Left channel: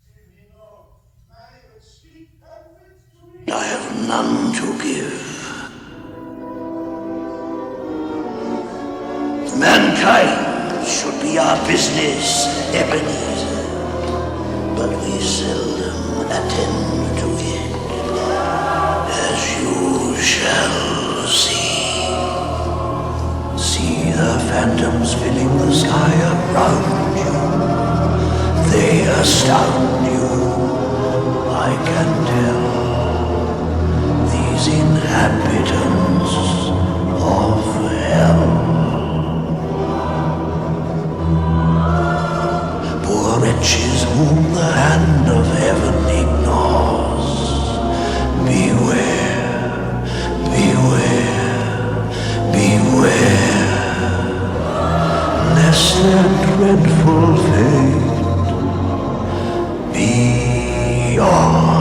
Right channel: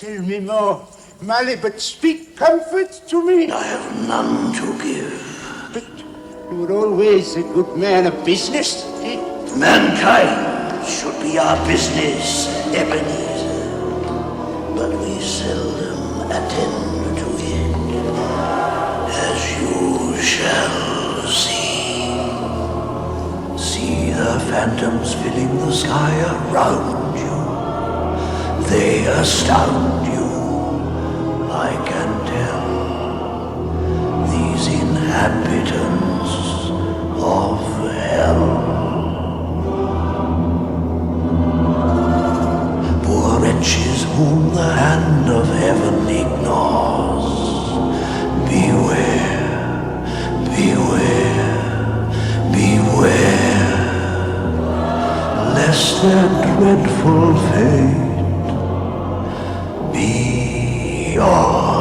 Tell me more, Mally, but speak comfort to me. I have none to give. But you were always a good man of business. Mankind should be our business, Ebenezer. But we seldom attend to it, as you shall see. See the phantoms filling the sky around you. They astound you, I can tell. These inhabitants of hell. Poor wretches whom the hand of heaven ignores. Beware, beware, beware, lest their dreadful fate be yours.